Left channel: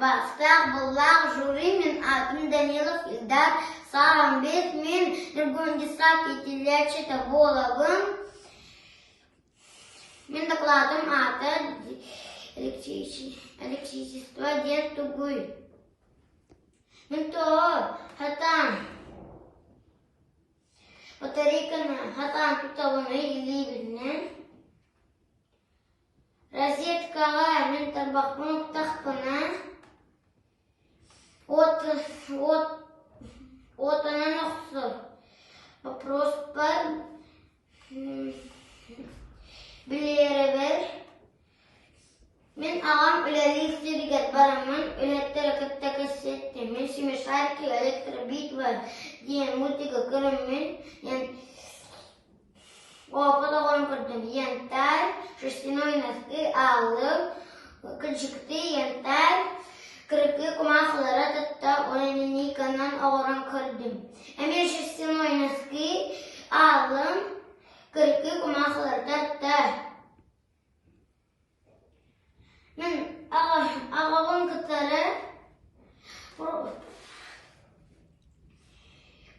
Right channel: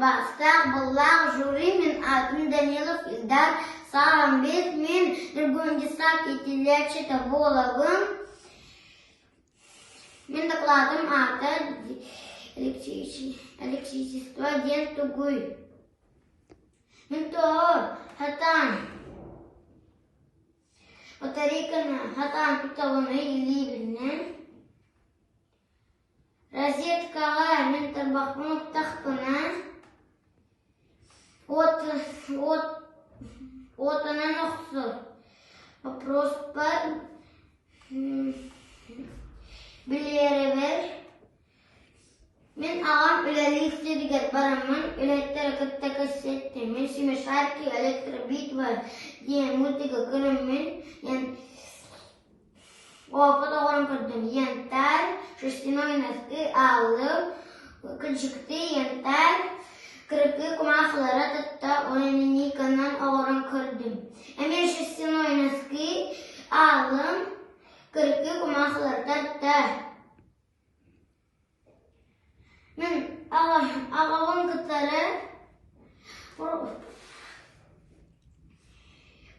бастақ боллақ жюри мен атым Данилов Илдар Сағамбет мен Нұргөндиса Кетелечі Таболовым. Мен докладым аты электричество ден тугуй. Мен тоғы хатан батарейканы хатан тұтауыны елейбілінен. Розеткаға мен тарбақпын ұқтақпына. Отынан ұқсы. Вопрос бар. Білері бір. Мен ағам үләлі істебігет барамын. Үләттер әкітті көсетті. Мен Семишарки электробитва дейін мультигі көріммен. Опыт оғырын көрдім. Янтар, шестиной носки алып, күлшікті янтар, кірпі құмақлары тұтта онынниканан оғырын көрдім. Әмен шестиной носки алым, кірпі құмақлары тұтта. Мен ағағын күттары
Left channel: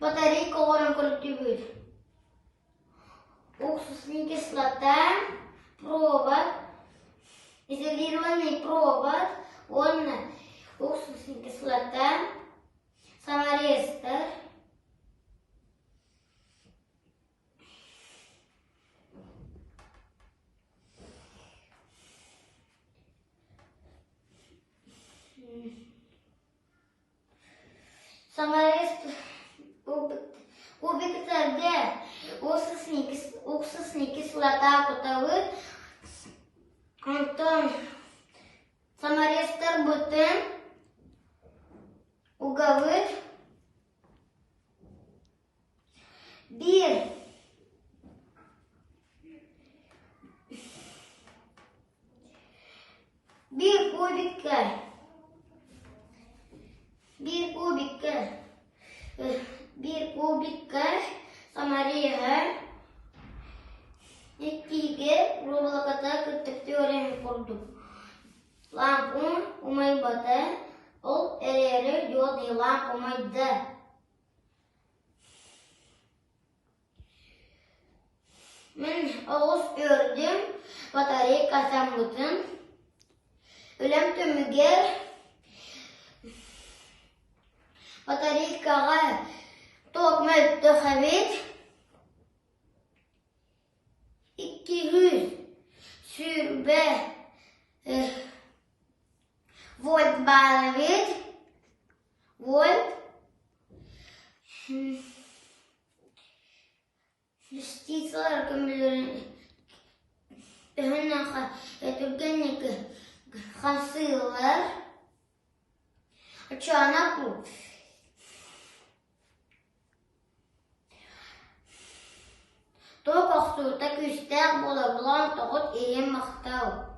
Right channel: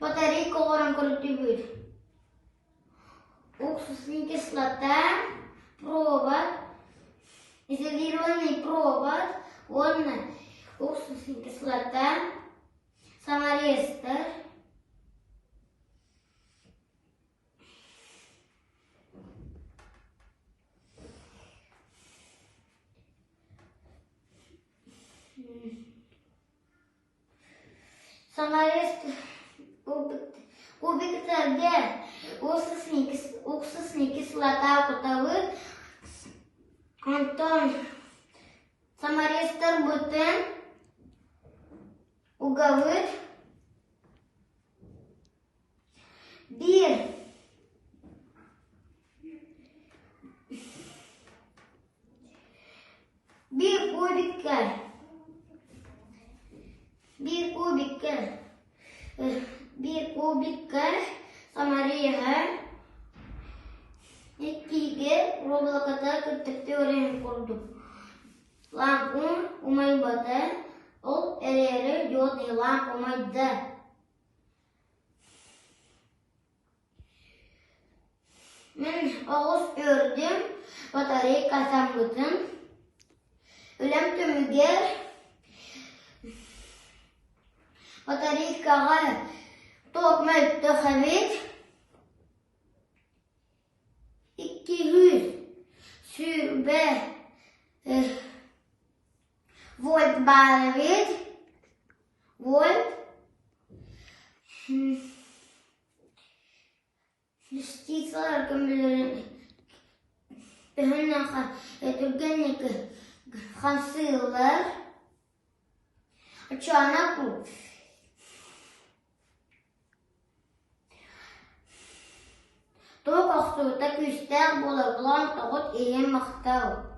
батарейка оғырын көрді бүйді. Уксусная кислота, провод, изолированный провод, уксусная кислота, саморезтор, кубиктерде уксусный кислота кутавыт, Антон саморезтор бүтін угавыт, bir kubikka samariyaga ikkiga ro'blakata kirtibdi o'rin kurduk. Lampu umaybada ol ereri yodi lampu umayda. Men ağız ördüm, batareya kasamlıdım. Ölem tömüger batareykaga tok möltü xavit 200 sürbe volt bağlavit volt частицалар көмілерін түргеннекі хасылар чанаку тоқ ақсуыта күстәк бола бұлан тоғыт еен мақтау.